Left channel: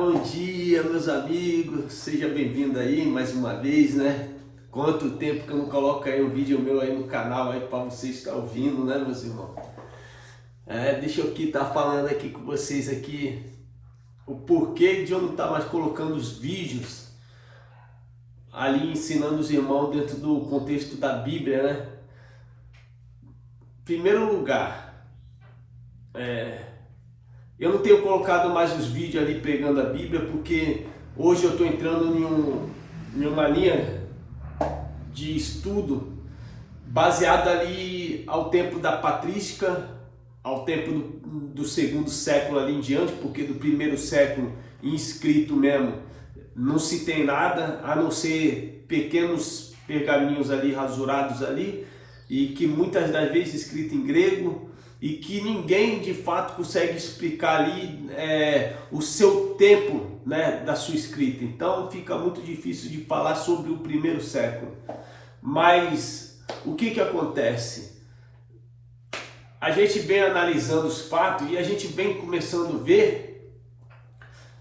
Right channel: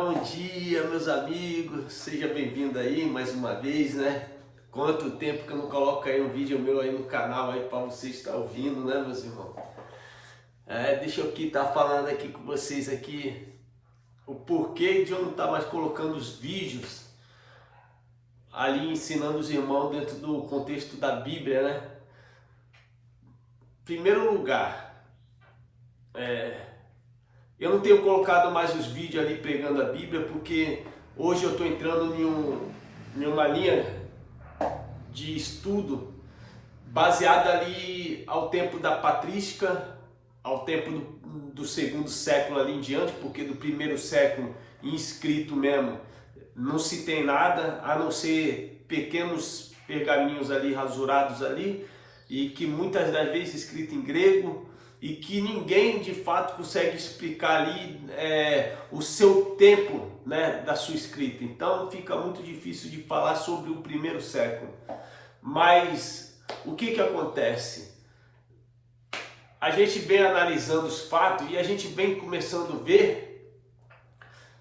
bom dia, meus amigos, seja bem-vindo aí mais uma vez, né? Quanto tempo que eu não coloco aí um vídeo meu aí no canal aí para vocês estar ouvindo, né, meus irmãos? Deixa eu aqui estar falando aqui com vocês aqui o porquê de eu não estar mais colocando os vídeos ali ensinando os irmãos dentro do contexto da Bíblia, né? Em primeiro lugar, eu não tenho colocado mais os vídeos ali pregando a Bíblia porque hoje eu estou entrando em uma linha de estudo baseada ali ao tempo da patrística, ao tempo do segundo século ali em diante, porque do primeiro século inscrito mesmo não se tem nada, a não ser pequenos pergaminhos ali rasurados ali, e que muitas das vezes escrito em grego, e que ninguém de fato consegue explicar ali o seu tempo, né, da sua escrita. Então fica muito difícil de falar sobre o primeiro século. Mas o que acontece? A gente vem analisando os fatos e a gente vem começando a ver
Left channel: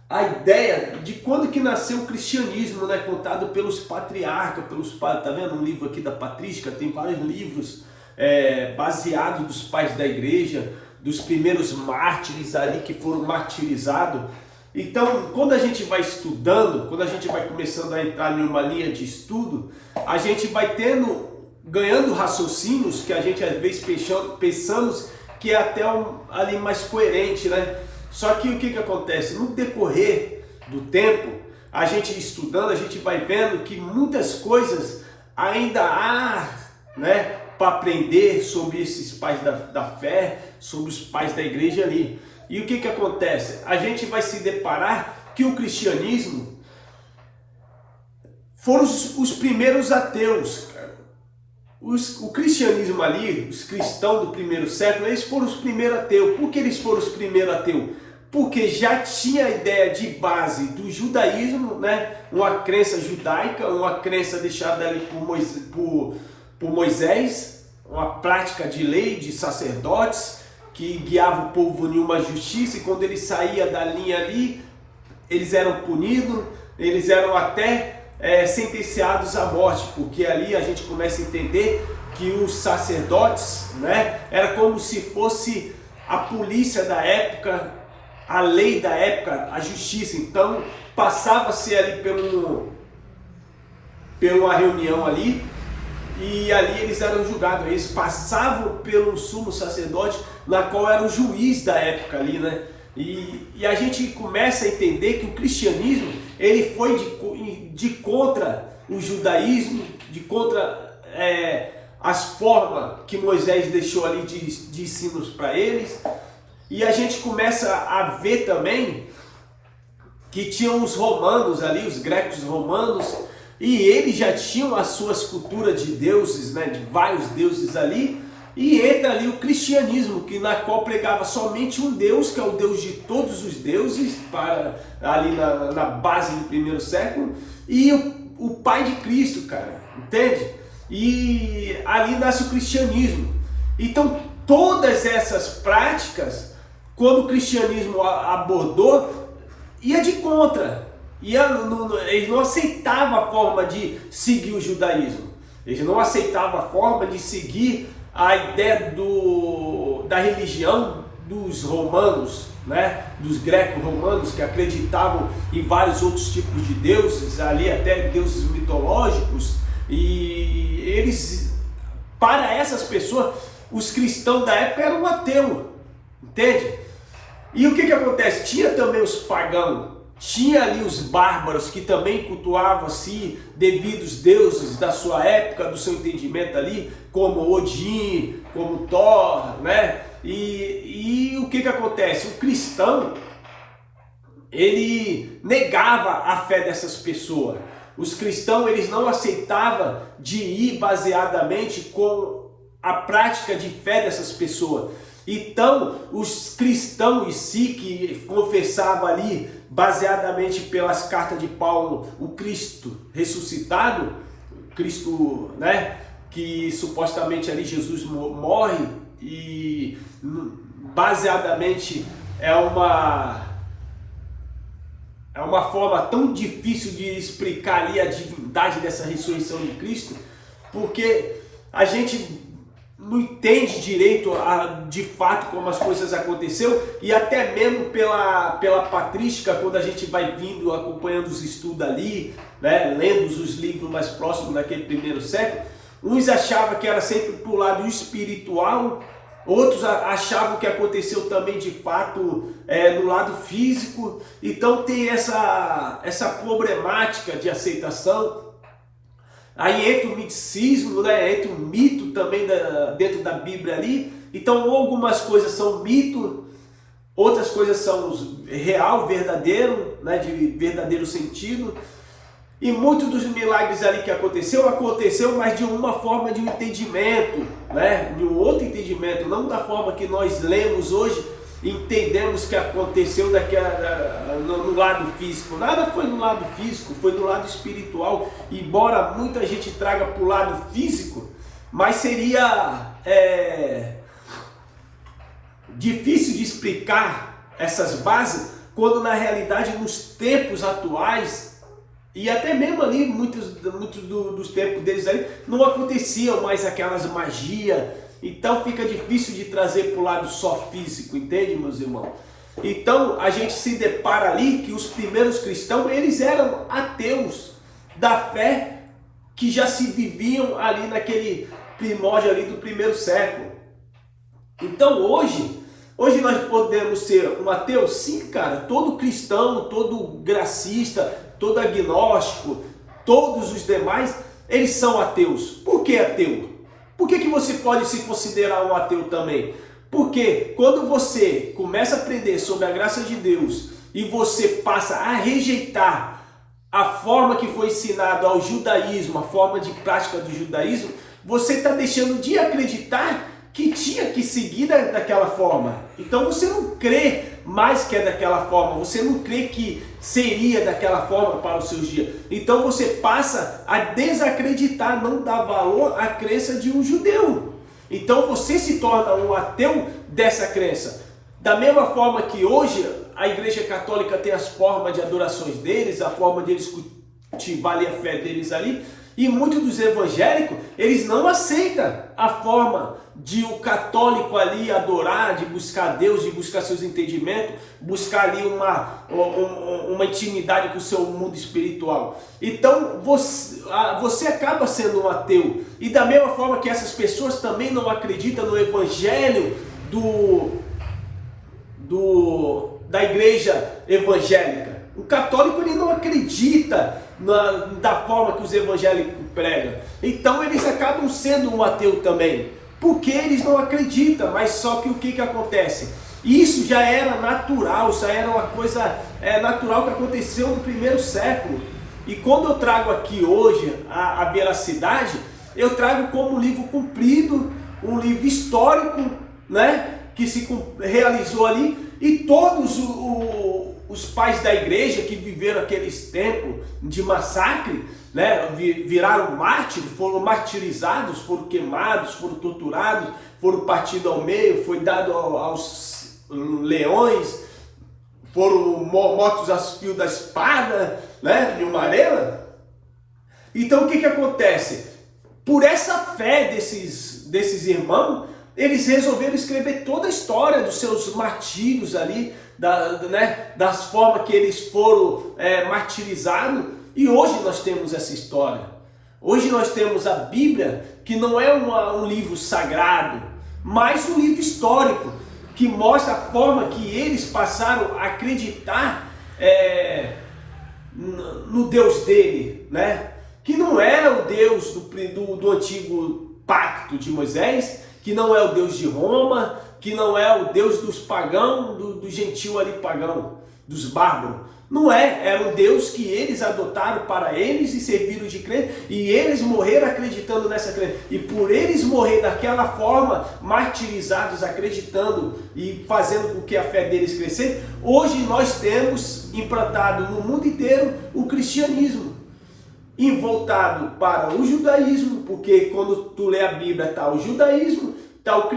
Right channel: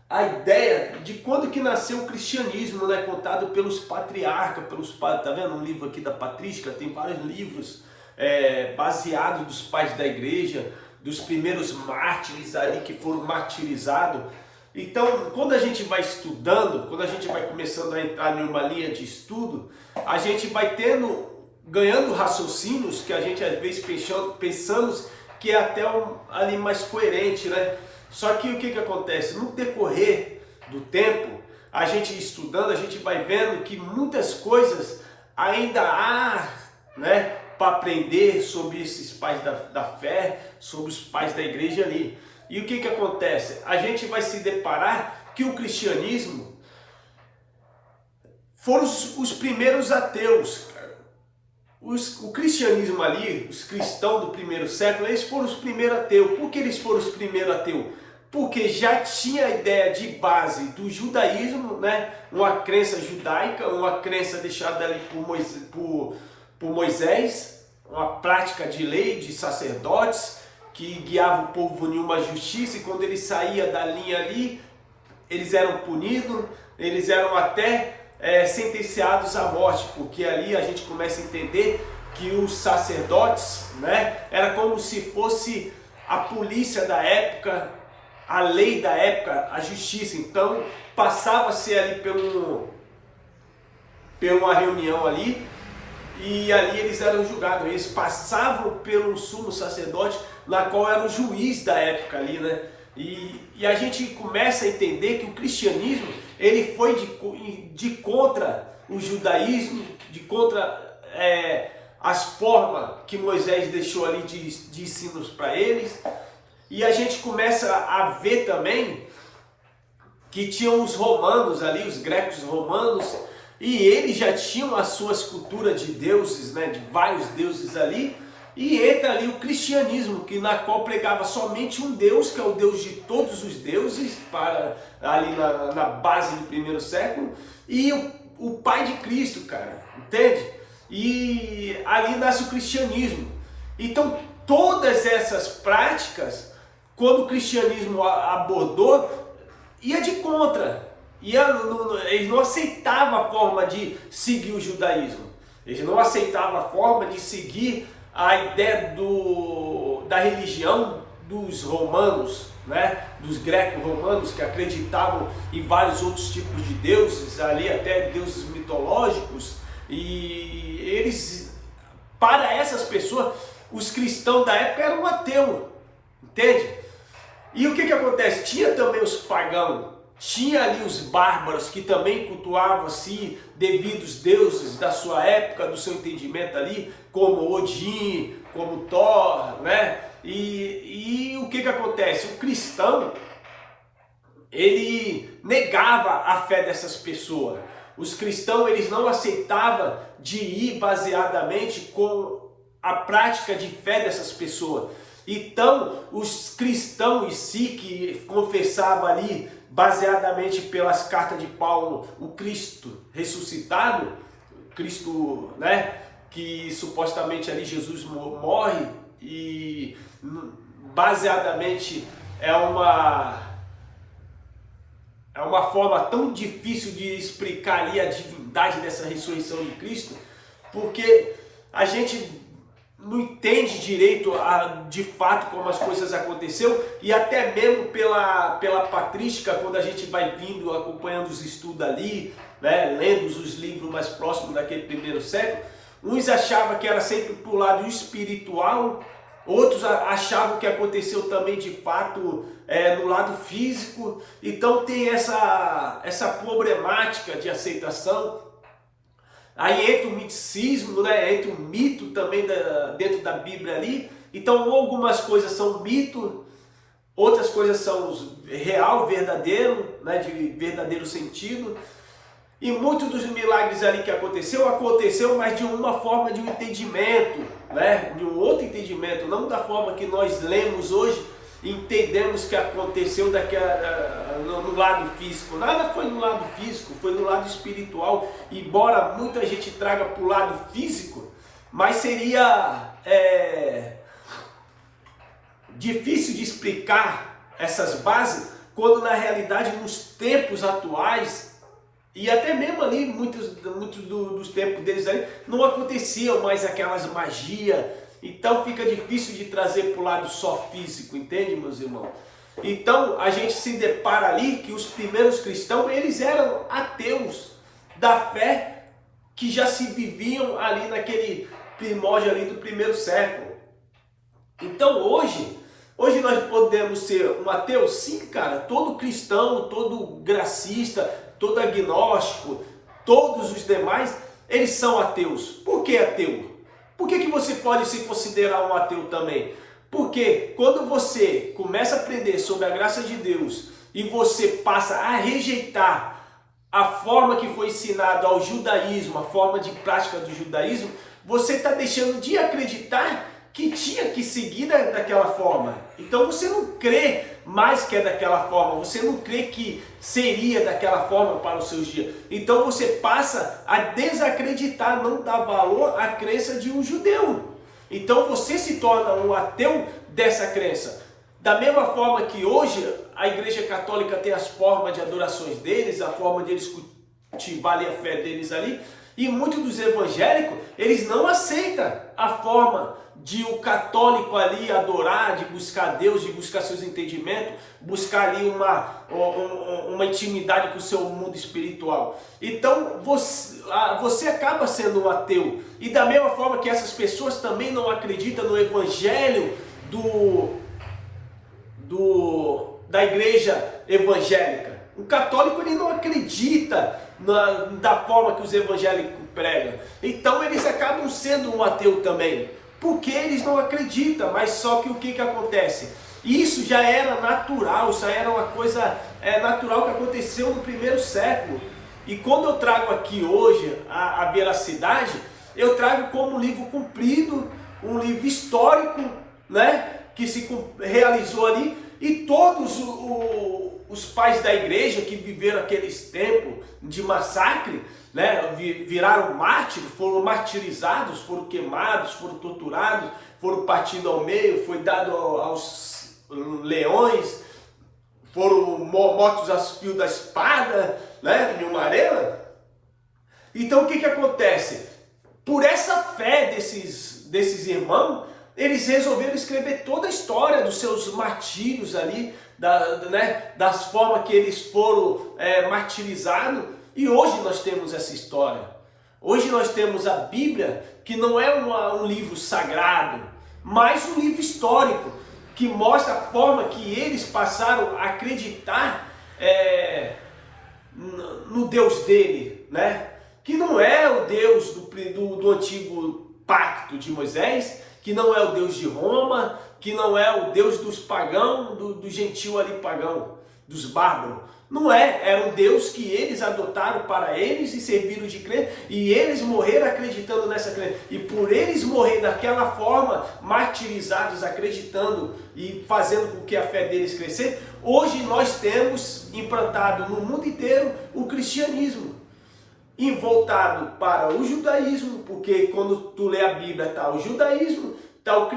a ideia de quando que nasceu o cristianismo, né, contado pelos patriarcas, tá vendo um livro aqui da patrística, tem vários livros baseado dos pais da igreja, dos primeiros mártires ali que foram martirizados. Então, quando a gente vai estudando, quando a gente vai começando a entrar em uma linha de estudo, a gente vai ganhando raciocínios que a gente às vezes pensamos que é até ali mais coerente, né? Só que o que acontece? No decorrer do tempo, a gente estudando, a gente vai vendo que muitas coisas ainda há, né, para aprender sobre esses pais da fé, sobre os pais da igreja ali. E o que acontece? A gente vai se deparar que o cristianismo foram os primeiros ateus, cara. O cristianismo ali, os cristãos do primeiro século, eles foram os primeiros ateus. Por que eles foram os primeiros ateus? Porque já tinha a ideia de base do judaísmo, né? Uma crença judaica, uma crença deixada ali por Moisés, uma prática de lei, de sacerdotes, que guiava o povo em uma justiça, e quando ele saía da linha ali, eles eram punidos, eles eram até sentenciados à morte, porque ali a gente começa a entender que os sacerdotes, né, era como se fosse a polícia da época, a lei da época, a justiça. Então passava-se ali pela reunião ali, e ali eles eram julgados, eles passavam pelo sumo sacerdote, na qual era o juiz da época ali, né? E a gente começa a entender que o cristianismo, ele foi de contra o judaísmo, de contra as formas que Moisés deixou ali de ensinos para eles. E a gente começa a ver também que tinham os romanos ali, os gregos romanos, e eles já tinham as suas culturas de deuses, né, de vários deuses ali, e entra ali o cristianismo, na qual pregava somente um Deus, que é o Deus de todos os deuses, ali na base do primeiro século, e o Pai de Cristo, cara, entende? E ali nasce o cristianismo. Então todas essas práticas, quando o cristianismo abordou, ia de contra. Eles não aceitavam a forma de seguir o judaísmo. Eles não aceitavam a forma de seguir a ideia da religião dos romanos, né? Dos greco-romanos, que acreditavam em vários outros tipos de deuses, ali até deuses mitológicos. E eles, para essas pessoas, os cristãos da época eram ateus, entende? E o que acontece? Tinha também os pagãos, tinha ali os bárbaros que também cultuavam-se devidos deuses da sua época, do seu entendimento ali, como Odin, como Thor, né? E o que acontece? O cristão, ele negava a fé dessas pessoas. Os cristãos, eles não aceitavam de ir baseadamente com a prática de fé dessas pessoas. Então, os cristãos em si, que confessavam ali, baseadamente pelas cartas de Paulo, o Cristo ressuscitado, Cristo, né, que supostamente ali Jesus morre, e baseadamente é é uma forma tão difícil de explicar ali a divindade dessa ressurreição de Cristo, porque a gente não entende direito de fato como as coisas aconteceram, e até mesmo pela patrística, quando a gente vai vindo, acompanhando os estudos ali, né, lendo os livros mais próximos daquele primeiro século, uns achavam que era sempre pro lado espiritual, outros achavam que aconteceu também de fato no lado físico. Então tem essa problemática de aceitação. Aí entra o miticismo, né? Entra o mito também dentro da Bíblia ali. Então algumas coisas são mito, outras coisas são real, verdadeiro, né? De verdadeiro sentido. E muitos dos milagres ali que aconteceu, mas de uma forma de um entendimento, né? De um outro entendimento, não da forma que nós lemos hoje, entendemos que aconteceu no lado físico. Nada foi no lado físico, foi no lado espiritual. Embora muita gente traga para o lado físico, mas seria difícil de explicar essas bases, quando na realidade nos tempos atuais, e até mesmo ali, muitos dos tempos deles ali, não aconteciam mais aquelas magias. Então fica difícil de trazer para o lado só físico, entende, meus irmãos? Então a gente se depara ali que os primeiros cristãos, eles eram ateus da fé que já se viviam ali naquele primórdio ali do primeiro século. Então hoje nós podemos ser um ateu? Sim, cara. Todo cristão, todo gracista, todo agnóstico, todos os demais, eles são ateus. Por que ateu? Por que você pode se considerar um ateu também? Porque quando você começa a aprender sobre a graça de Deus e você passa a rejeitar a forma que foi ensinado ao judaísmo, a forma de prática do judaísmo, você está deixando de acreditar que tinha que seguir daquela forma. Então você não crê mais que é daquela forma, você não crê que seria daquela forma para os seus dias. Então você passa a desacreditar, não dar valor à crença de um judeu. Então você se torna um ateu dessa crença. Da mesma forma que hoje a Igreja Católica tem as formas de adorações deles, a forma de eles cultivarem a fé deles ali, e muitos dos evangélicos, eles não aceitam a forma de um católico ali adorar, de buscar Deus, de buscar seus entendimentos, buscar ali uma intimidade com o seu mundo espiritual. Então você acaba sendo um ateu. E da mesma forma que essas pessoas também não acreditam no evangelho da igreja evangélica. O católico, ele não acredita da forma que os evangélicos pregam. Então eles acabam sendo um ateu também, porque eles não acreditam. Mas só que o que acontece? Isso já era natural, isso era uma coisa natural que aconteceu no primeiro século. E quando eu trago aqui hoje a veracidade, eu trago como um livro cumprido, um livro histórico, né, que se realizou ali, e todos os pais da igreja que viveram aqueles tempos de massacre, né, viraram mártires, foram martirizados, foram queimados, foram torturados, foram partidos ao meio, foi dado aos leões, foram mortos aos fios da espada, né, de uma arena. Então o que acontece? Por essa fé desses irmãos, eles resolveram escrever toda a história dos seus martírios ali, das formas que eles foram martirizados. E hoje nós temos essa história. Hoje nós temos a Bíblia, que não é um livro sagrado, mas um livro histórico, que mostra a forma que eles passaram a acreditar no Deus dele, né? Que não é o Deus do antigo pacto de Moisés, que não é o Deus de Roma, que não é o Deus dos pagãos, do gentil ali pagão, dos bárbaros. Não é, era um Deus que eles adotaram para eles e serviram de crença, e eles morreram acreditando nessa crença. E por eles morrer daquela forma, martirizados, acreditando e fazendo com que a fé deles crescesse, hoje nós temos implantado no mundo inteiro o cristianismo, e voltado para o judaísmo, porque quando tu lê a Bíblia está o judaísmo, está o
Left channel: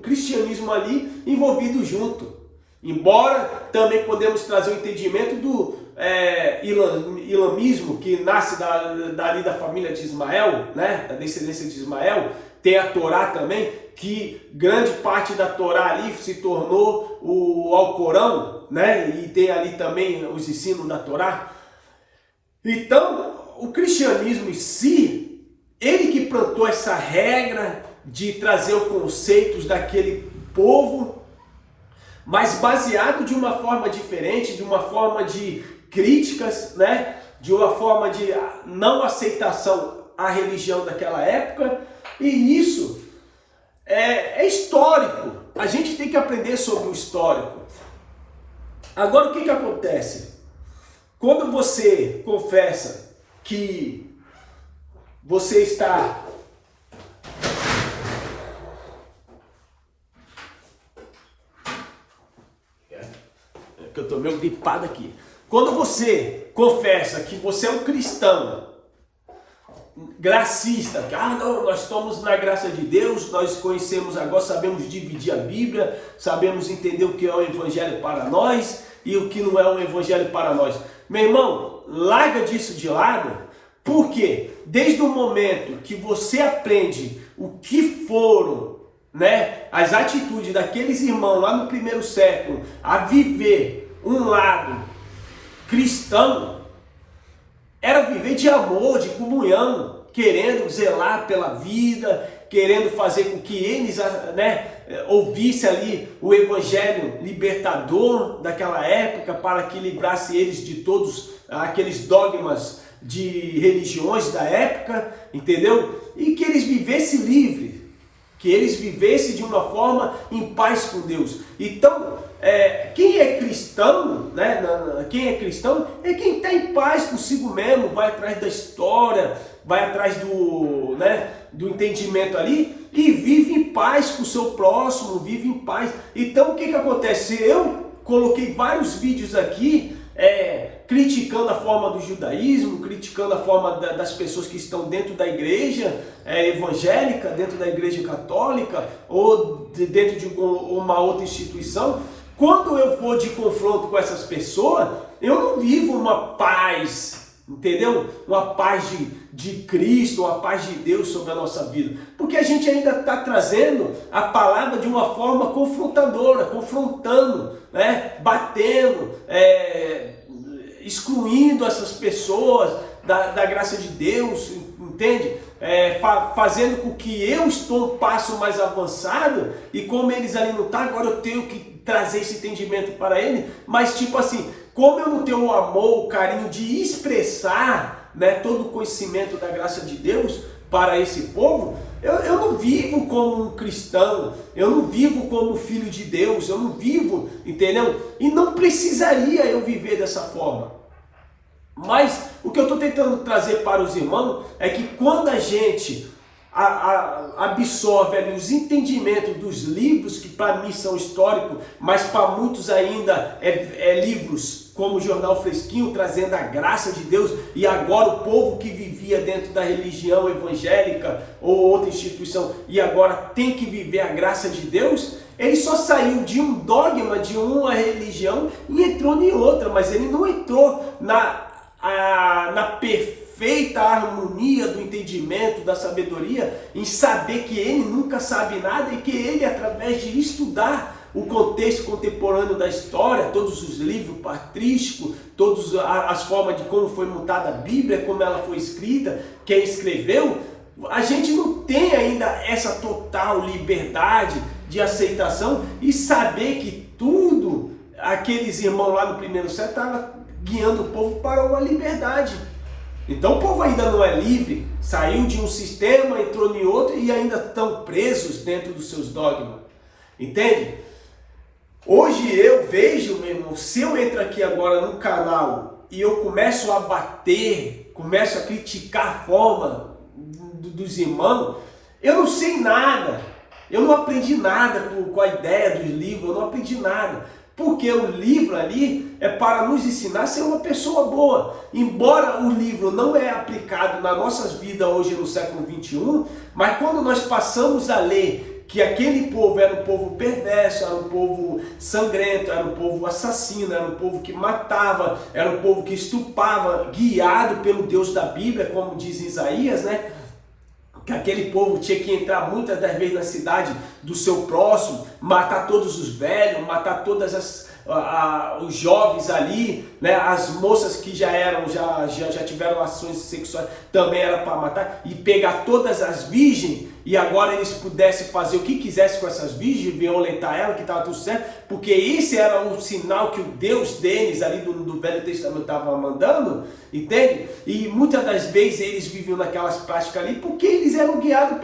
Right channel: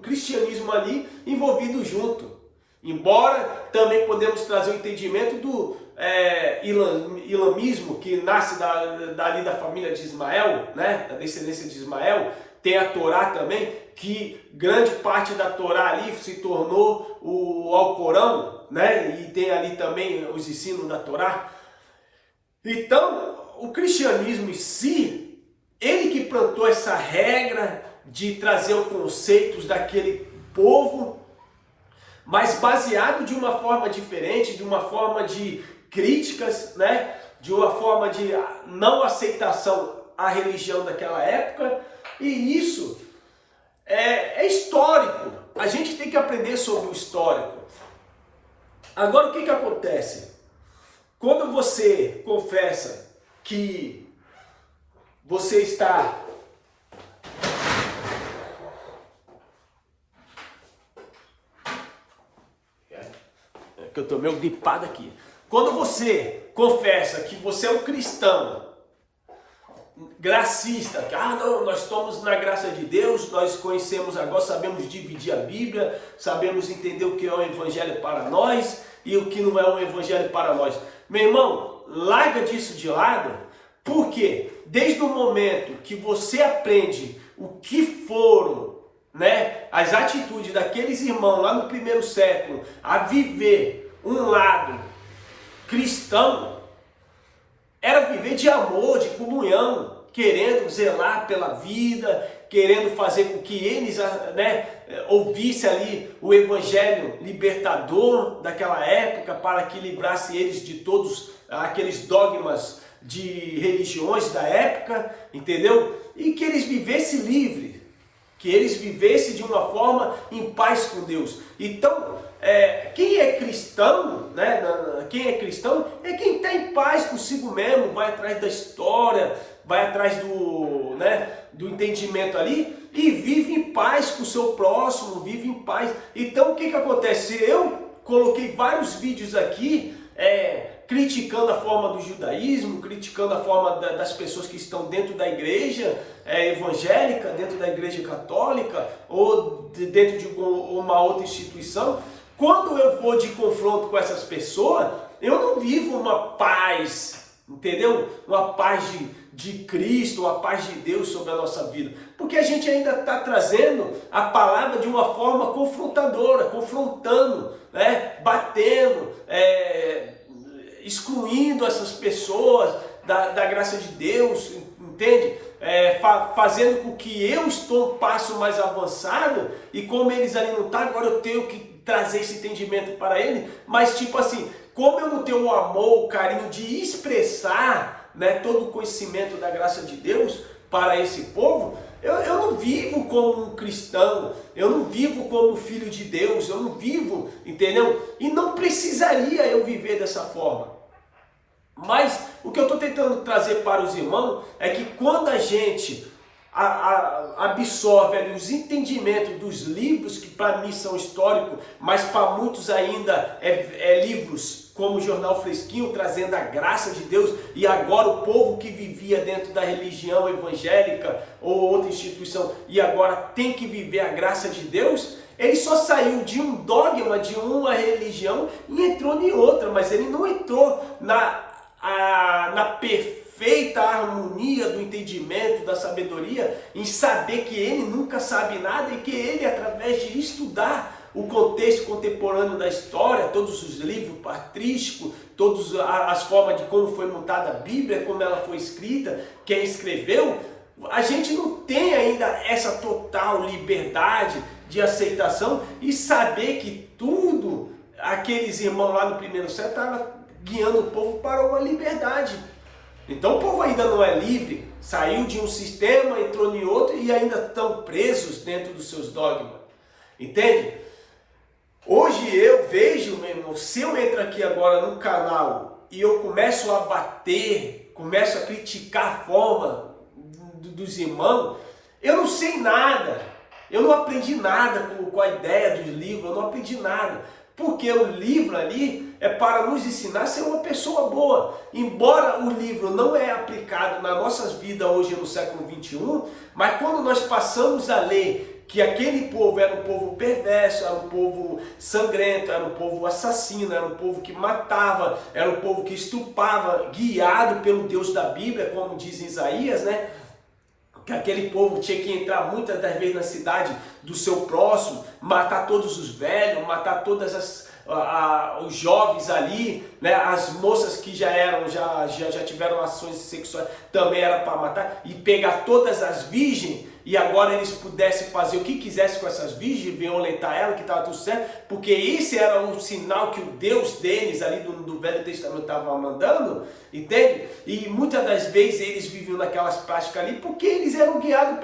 cristianismo ali envolvido junto. Embora também podemos trazer o entendimento do ilamismo, que nasce dali da família de Ismael, né? Da descendência de Ismael. Tem a Torá também, que grande parte da Torá ali se tornou o Alcorão, né? E tem ali também os ensinos da Torá. Então, o cristianismo em si, ele que plantou essa regra de trazer os conceitos daquele povo, mas baseado de uma forma diferente, de uma forma de críticas, né? De uma forma de não aceitação à religião daquela época. E isso é histórico. A gente tem que aprender sobre o histórico. Agora, o que acontece? Quando você confessa que você está... Eu estou meio gripado aqui. Quando você confessa que você é um cristão gracista, que não, nós estamos na graça de Deus, nós conhecemos agora, sabemos dividir a Bíblia, sabemos entender o que é o evangelho para nós e o que não é um evangelho para nós. Meu irmão, larga disso de lado, porque desde o momento que você aprende o que foram, né, as atitudes daqueles irmãos lá no primeiro século a viver um lado cristão, era viver de amor, de comunhão, querendo zelar pela vida, querendo fazer com que eles, né, ouvissem ali o evangelho libertador daquela época, para que livrasse eles de todos aqueles dogmas de religiões da época, entendeu? E que eles vivessem livres, que eles vivessem de uma forma em paz com Deus. Então, quem é cristão, né? Quem é cristão é quem está em paz consigo mesmo, vai atrás da história, vai atrás do entendimento ali e vive em paz com o seu próximo, vive em paz. Então, o que acontece? Eu coloquei vários vídeos aqui criticando a forma do judaísmo, criticando a forma das pessoas que estão dentro da igreja evangélica, dentro da igreja católica ou dentro de uma outra instituição. Quando eu vou de confronto com essas pessoas, eu não vivo uma paz, entendeu? Uma paz de Cristo, uma paz de Deus sobre a nossa vida. Porque a gente ainda está trazendo a palavra de uma forma confrontadora, confrontando, né? Batendo, excluindo essas pessoas da graça de Deus, entende? Fazendo com que eu estou um passo mais avançado e como eles ali não estão, agora eu tenho que trazer esse entendimento para ele, mas tipo assim, como eu não tenho o amor, o carinho de expressar, né, todo o conhecimento da graça de Deus para esse povo, eu não vivo como um cristão, eu não vivo como filho de Deus, eu não vivo, entendeu? E não precisaria eu viver dessa forma. Mas o que eu estou tentando trazer para os irmãos é que quando a gente absorve ali os entendimentos dos livros, que para mim são históricos, mas para muitos ainda livros como o Jornal Fresquinho, trazendo a graça de Deus, e agora o povo que vivia dentro da religião evangélica ou outra instituição, e agora tem que viver a graça de Deus, ele só saiu de um dogma, de uma religião, e entrou em outra, mas ele não entrou na perfeita harmonia do entendimento, da sabedoria, em saber que ele nunca sabe nada e que ele, através de estudar o contexto contemporâneo da história, todos os livros patrísticos, todas as formas de como foi montada a Bíblia, como ela foi escrita, quem escreveu, a gente não tem ainda essa total liberdade de aceitação e saber que tudo, aqueles irmãos lá no primeiro século estavam guiando o povo para uma liberdade. Então o povo ainda não é livre, saiu de um sistema, entrou em outro e ainda estão presos dentro dos seus dogmas. Entende? Hoje eu vejo, meu irmão, se eu entro aqui agora no canal e eu começo a bater, começo a criticar a forma dos irmãos, eu não sei nada, eu não aprendi nada com a ideia dos livros, eu não aprendi nada. Porque o livro ali é para nos ensinar a ser uma pessoa boa. Embora o livro não é aplicado nas nossas vidas hoje no século XXI, mas quando nós passamos a ler que aquele povo era um povo perverso, era um povo sangrento, era um povo assassino, era um povo que matava, era um povo que estupava, guiado pelo Deus da Bíblia, como diz Isaías, né? Que aquele povo tinha que entrar muitas das vezes na cidade do seu próximo, matar todos os velhos, matar todas os jovens ali, né? As moças que já tiveram relações sexuais também era para matar, e pegar todas as virgens, e agora eles pudessem fazer o que quisessem com essas virgens, violentar elas, que estava tudo certo, porque esse era um sinal que o Deus deles ali do Velho Testamento estava mandando, entende? E muitas das vezes eles viviam naquelas práticas ali porque eles eram guiados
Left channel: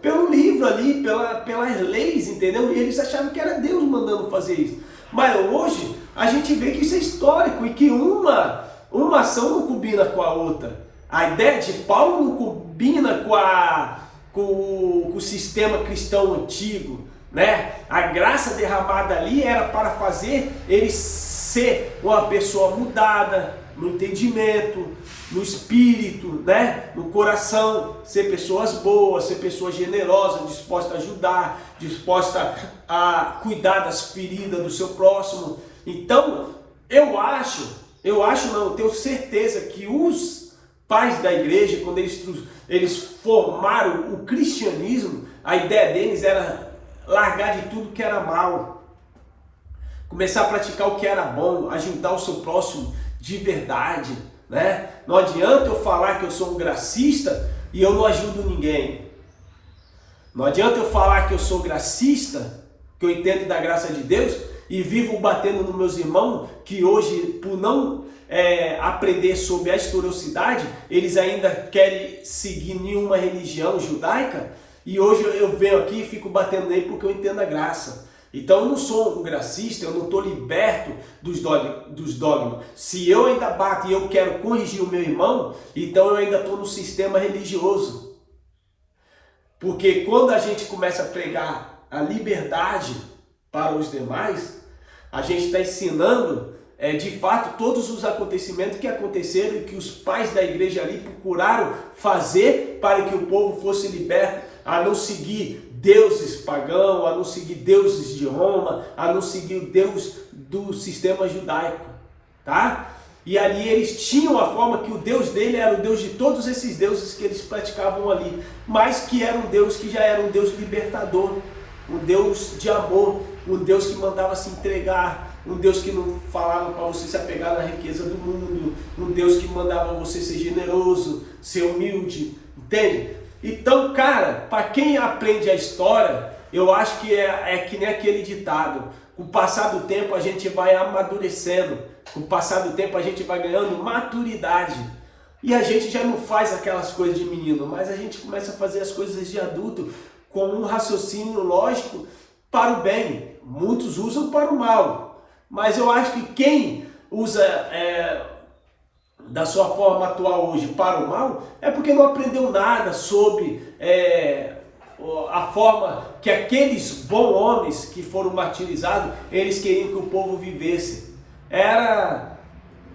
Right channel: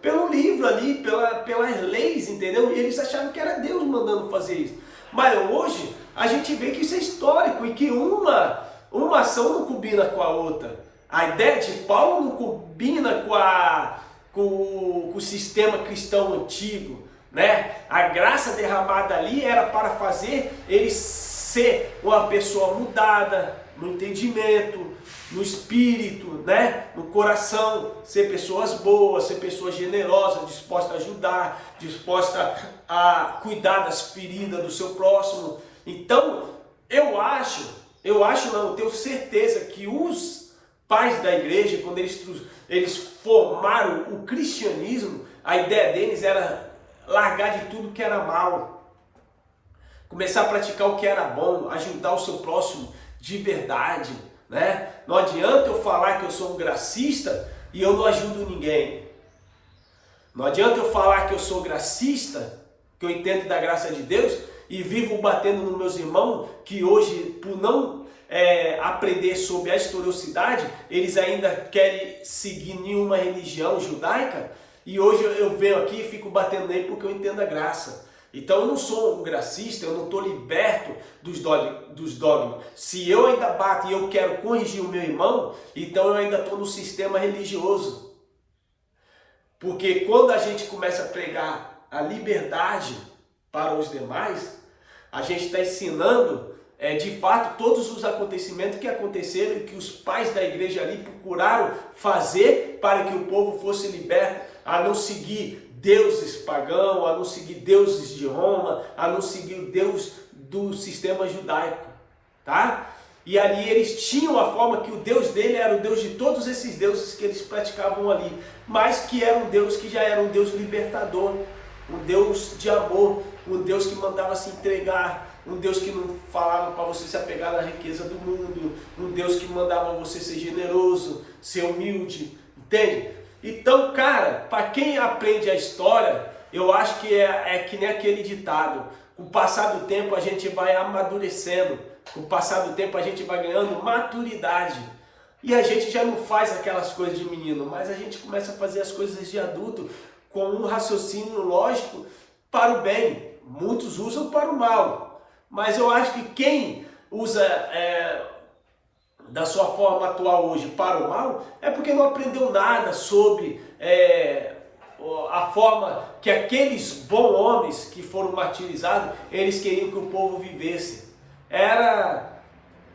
pelo livro ali, pelas leis, entendeu? E eles achavam que era Deus mandando fazer isso. Mas hoje a gente vê que isso é histórico e que uma ação não combina com a outra. A ideia de Paulo não combina com o sistema cristão antigo, né? A graça derramada ali era para fazer ele ser uma pessoa mudada no entendimento, no espírito, né? No coração, ser pessoas boas, ser pessoas generosas, dispostas a ajudar, disposta a cuidar das feridas do seu próximo. Então, eu tenho certeza que os pais da igreja, quando eles formaram o cristianismo, a ideia deles era largar de tudo que era mal, começar a praticar o que era bom, ajudar o seu próximo de verdade, né? Não adianta eu falar que eu sou um gracista e eu não ajudo ninguém. Não adianta eu falar que eu sou gracista, que eu entendo da graça de Deus e vivo batendo nos meus irmãos, que hoje, por não aprender sobre a historicidade, eles ainda querem seguir nenhuma religião judaica, e hoje eu venho aqui e fico batendo nele porque eu entendo a graça. Então eu não sou um gracista, eu não estou liberto dos dogmas. Se eu ainda bato e eu quero corrigir o meu irmão, então eu ainda estou no sistema religioso. Porque quando a gente começa a pregar a liberdade para os demais, a gente está ensinando de fato todos os acontecimentos que aconteceram e que os pais da igreja ali procuraram fazer para que o povo fosse liberto, a não seguir deuses pagãos, a não seguir deuses de Roma, a não seguir o Deus do sistema judaico, tá? E ali eles tinham a forma que o Deus dele era o Deus de todos esses deuses que eles praticavam ali, mas que era um Deus que já era um Deus libertador, um Deus de amor, um Deus que mandava se entregar, um Deus que não falava para você se apegar na riqueza do mundo, um Deus que mandava você ser generoso, ser humilde, entende? Então, cara, para quem aprende a história, eu acho que é que nem aquele ditado: com o passar do tempo a gente vai amadurecendo, com o passar do tempo a gente vai ganhando maturidade. E a gente já não faz aquelas coisas de menino, mas a gente começa a fazer as coisas de adulto com um raciocínio lógico para o bem. Muitos usam para o mal, mas eu acho que quem usa da sua forma atual hoje para o mal é porque não aprendeu nada sobre a forma que aqueles bons homens que foram martirizados, eles queriam que o povo vivesse. Era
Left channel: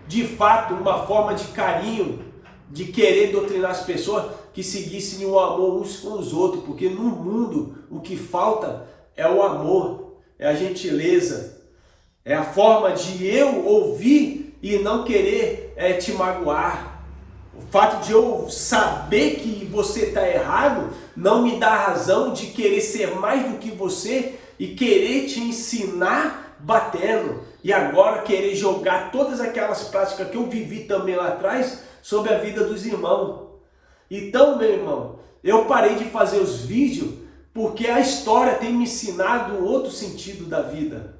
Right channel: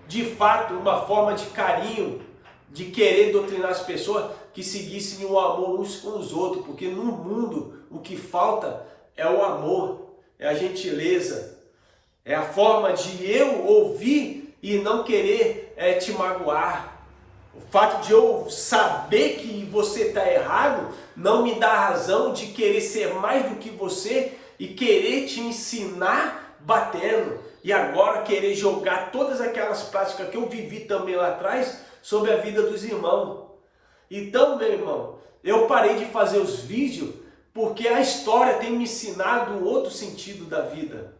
de fato uma forma de carinho, de querer doutrinar as pessoas que seguissem o amor uns com os outros, porque no mundo o que falta é o amor, é a gentileza, é a forma de eu ouvir e não querer te magoar. O fato de eu saber que você está errado não me dá razão de querer ser mais do que você e querer te ensinar batendo. E agora querer jogar todas aquelas práticas que eu vivi também lá atrás sobre a vida dos irmãos. Então, meu irmão, eu parei de fazer os vídeos porque a história tem me ensinado um outro sentido da vida.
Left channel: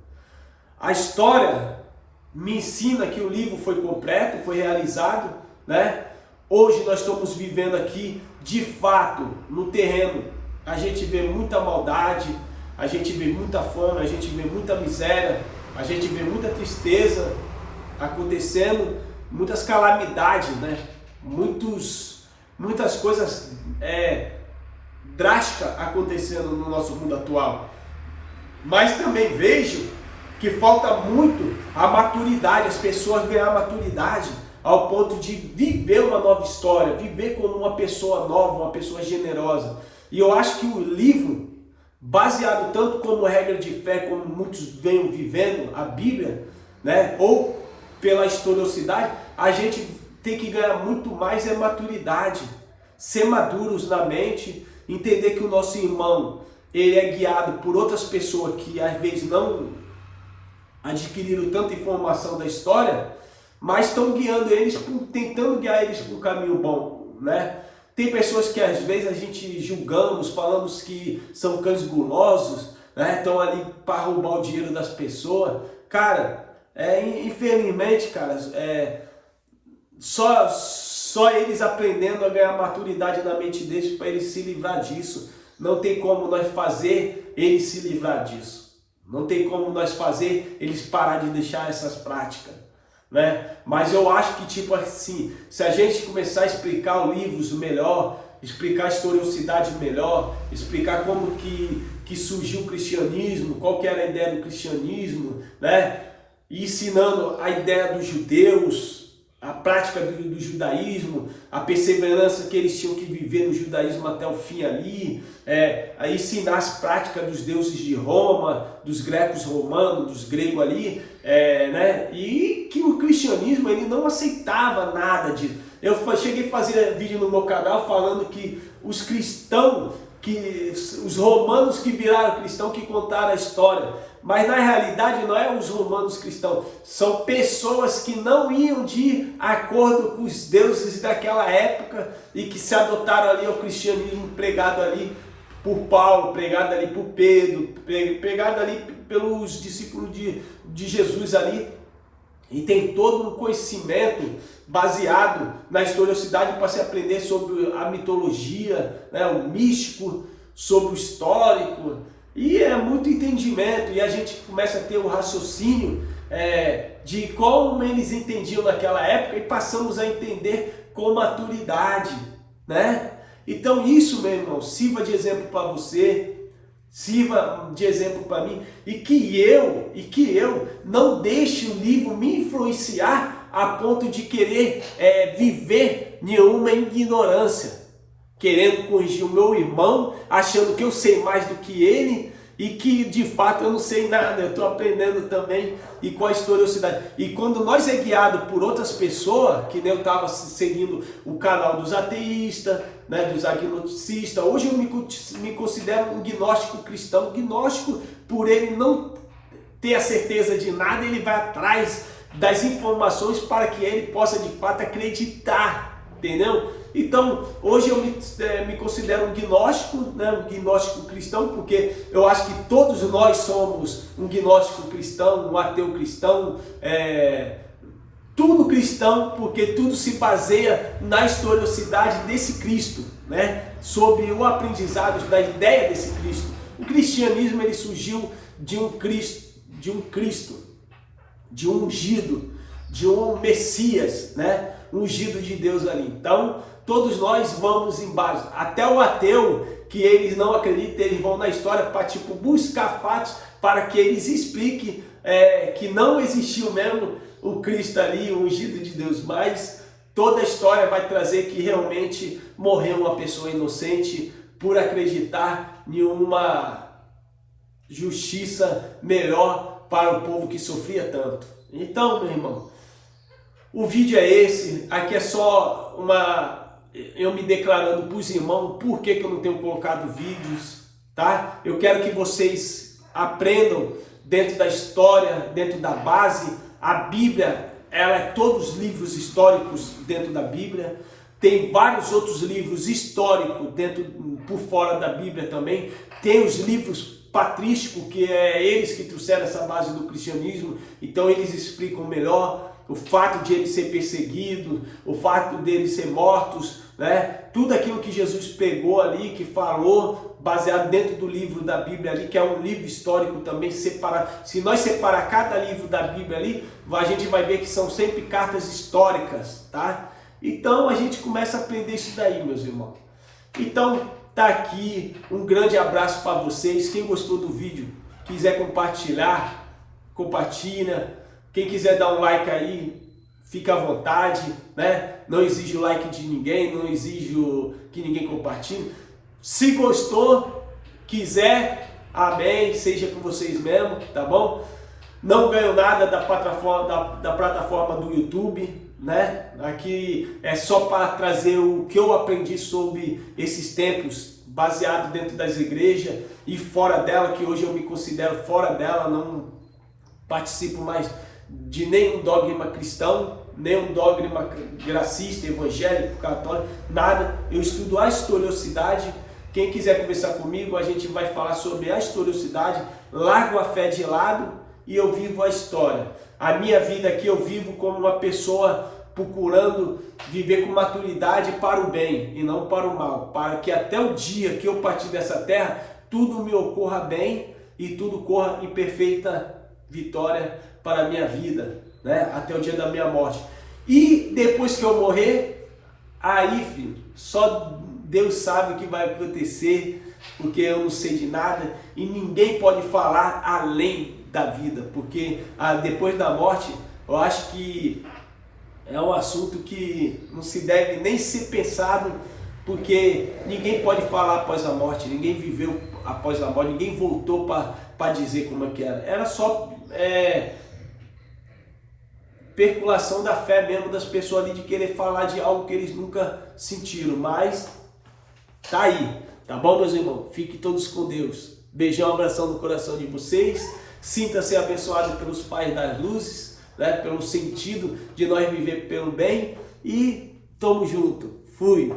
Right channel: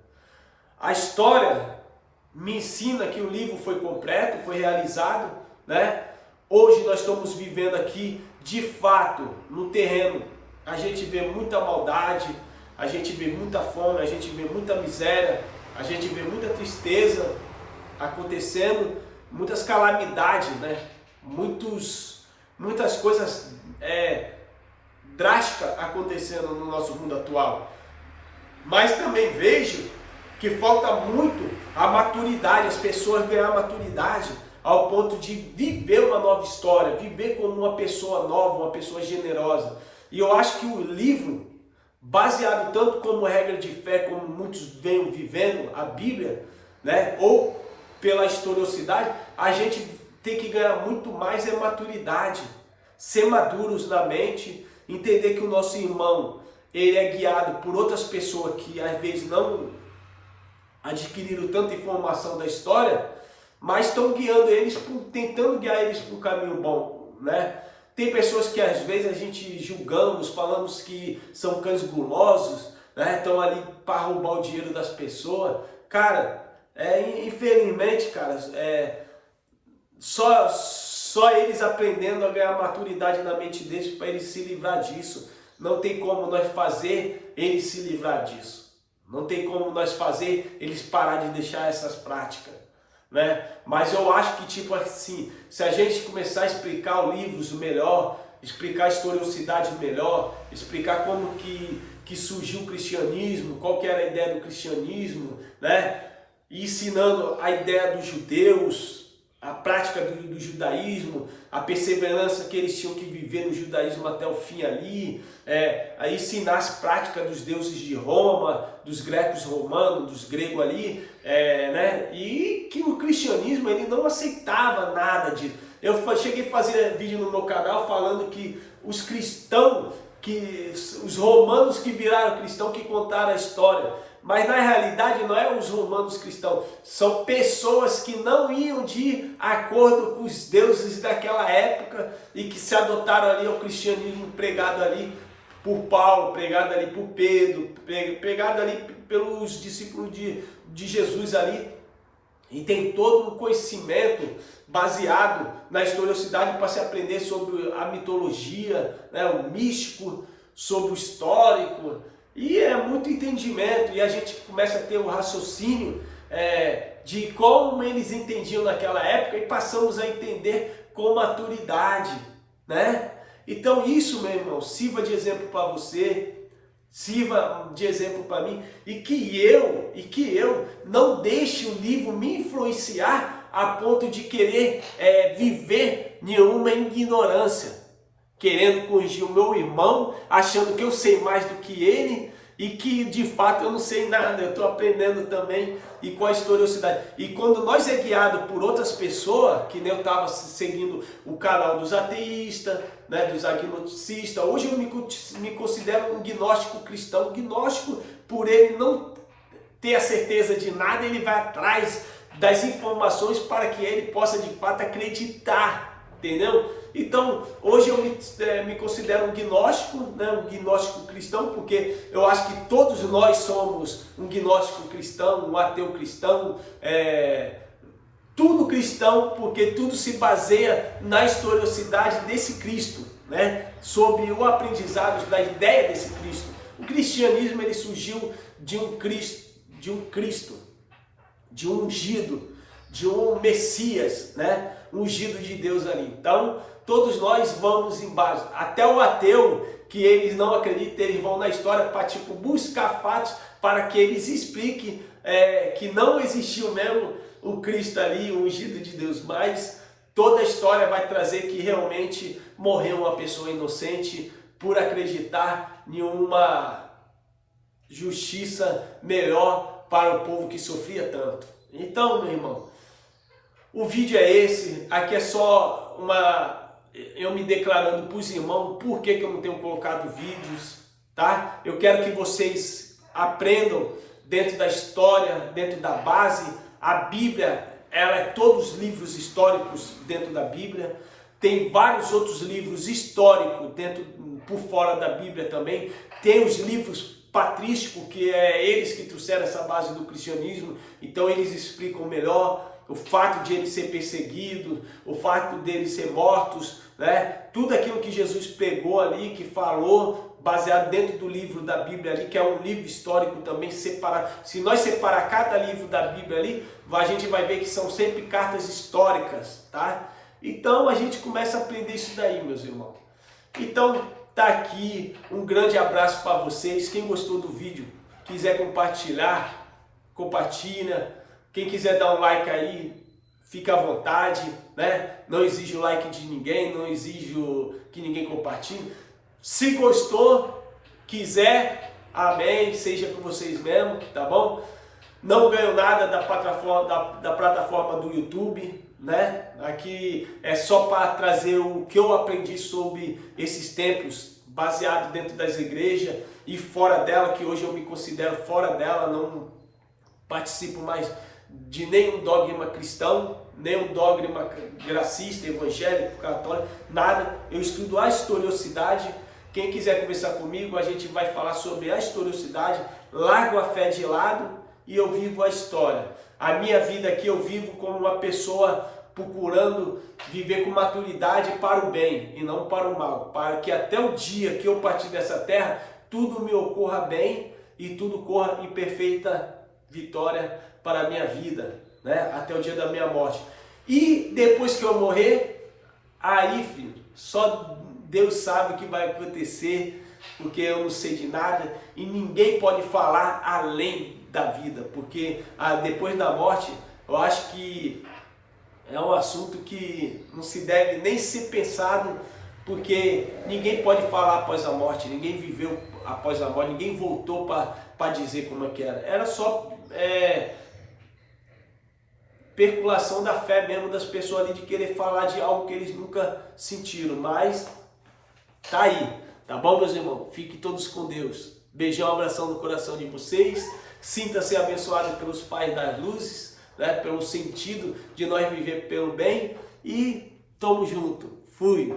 A história me ensina que o livro foi completo, foi realizado, né? Hoje nós estamos vivendo aqui, de fato, no terreno. A gente vê muita maldade, a gente vê muita fome, a gente vê muita miséria, a gente vê muita tristeza acontecendo, muitas calamidades, né? Muitas coisas drásticas acontecendo no nosso mundo atual. Mas também vejo que falta muito a maturidade, as pessoas ganhar maturidade ao ponto de viver uma nova história, viver como uma pessoa nova, uma pessoa generosa. E eu acho que o livro baseado tanto como regra de fé, como muitos vêm vivendo a Bíblia, né? Ou pela historicidade, a gente tem que ganhar muito mais maturidade, ser maduros na mente, entender que o nosso irmão, ele é guiado por outras pessoas que às vezes não adquiriram tanta informação da história, mas estão guiando eles, tentando guiar eles para um caminho bom, né? Tem pessoas que às vezes a gente julgamos, falamos que são cães gulosos, né? Estão ali para roubar o dinheiro das pessoas. Cara, infelizmente, cara, só eles aprendendo a ganhar maturidade na mente deles para eles se livrar disso. Não tem como nós fazer eles se livrar disso. Não tem como nós fazer eles parar de deixar essas práticas, né? Mas eu acho que, tipo assim, se a gente começar a explicar os livros melhor, explicar a historicidade melhor, explicar como que surgiu o cristianismo, qual que era a ideia do cristianismo, né? E ensinando a ideia dos judeus, a prática do judaísmo, a perseverança que eles tinham que viver no judaísmo até o fim ali, a ensinar as práticas dos deuses de Roma, dos grecos romanos, dos gregos ali, né? E que o cristianismo ele não aceitava nada disso. Eu cheguei a fazer vídeo no meu canal falando que os cristãos, os romanos que viraram cristão, que contaram a história, mas na realidade não é os romanos cristãos, são pessoas que não iam de acordo com os deuses daquela época e que se adotaram ali ao cristianismo pregado ali por Paulo, pregado ali por Pedro, pregado ali pelos discípulos de Jesus ali. E tem todo um conhecimento baseado na historicidade para se aprender sobre a mitologia, né, o místico, sobre o histórico. E é muito entendimento, e a gente começa a ter o raciocínio de como eles entendiam naquela época e passamos a entender com maturidade, né? Então isso, meu irmão, sirva de exemplo para você, sirva de exemplo para mim, e que eu não deixe o livro me influenciar a ponto de querer viver nenhuma ignorância, querendo corrigir o meu irmão, achando que eu sei mais do que ele e que de fato eu não sei nada, eu estou aprendendo também e com a historicidade. E quando nós é guiado por outras pessoas, que nem eu estava seguindo o canal dos ateístas, né, dos agnosticistas, hoje eu me considero um gnóstico cristão. Gnóstico, por ele não ter a certeza de nada, ele vai atrás das informações para que ele possa de fato acreditar, entendeu? Então, hoje eu me considero um gnóstico, né? Um gnóstico cristão, porque eu acho que todos nós somos um gnóstico cristão, um ateu cristão, tudo cristão, porque tudo se baseia na historicidade desse Cristo, né? Sobre o aprendizado da ideia desse Cristo. O cristianismo ele surgiu de um Cristo, de um ungido, de um Messias, né? Ungido de Deus ali. Então, todos nós vamos embaixo. Até o ateu, que eles não acreditam, eles vão na história para buscar fatos para que eles expliquem que não existiu mesmo o Cristo ali, o ungido de Deus. Mas toda a história vai trazer que realmente morreu uma pessoa inocente por acreditar em uma justiça melhor para o povo que sofria tanto. Então, meu irmão, o vídeo é esse. Aqui é só eu me declarando para os irmãos por que eu não tenho colocado vídeos, tá? Eu quero que vocês aprendam dentro da história, dentro da base. A Bíblia, ela é todos os livros históricos dentro da Bíblia. Tem vários outros livros históricos por fora da Bíblia também. Tem os livros patrísticos, que é eles que trouxeram essa base do cristianismo. Então eles explicam melhor o fato de eles ser perseguidos, o fato deles ser mortos, né? Tudo aquilo que Jesus pegou ali, que falou, baseado dentro do livro da Bíblia ali, que é um livro histórico também separado. Se nós separar cada livro da Bíblia ali, a gente vai ver que são sempre cartas históricas, tá? Então a gente começa a aprender isso daí, meus irmãos. Então tá aqui, um grande abraço para vocês. Quem gostou do vídeo, quiser compartilhar, compartilha. Quem quiser dar um like aí, fica à vontade, né? Não exijo o like de ninguém, não exijo que ninguém compartilhe. Se gostou, quiser Amém, seja com vocês mesmo, tá bom? Não ganho nada da plataforma do YouTube, né? Aqui é só para trazer o que eu aprendi sobre esses templos, baseado dentro das igrejas e fora dela, que hoje eu me considero fora dela, não participo mais de nenhum dogma cristão, nenhum dogma gracista, evangélico, católico, nada. Eu estudo a historicidade. Quem quiser conversar comigo, a gente vai falar sobre a historicidade, largo a fé de lado e eu vivo a história. A minha vida aqui eu vivo como uma pessoa procurando viver com maturidade para o bem e não para o mal, para que até o dia que eu partir dessa terra, tudo me ocorra bem e tudo corra em perfeita vitória para a minha vida, né? Até o dia da minha morte. E depois que eu morrer, aí, filho, só Deus sabe o que vai acontecer, porque eu não sei de nada e ninguém pode falar além da vida, porque depois da morte, eu acho que é um assunto que não se deve nem ser pensado, porque ninguém pode falar após a morte, ninguém viveu após a morte, ninguém voltou para dizer como é que era. Era só perculação da fé mesmo das pessoas ali, de querer falar de algo que eles nunca sentiram, mas tá aí, tá bom, meus irmãos? Fiquem todos com Deus. Beijão, abração no coração de vocês. Sinta-se abençoado pelos pais das luzes, né? Pelo sentido de nós viver pelo bem. E tamo junto. Fui.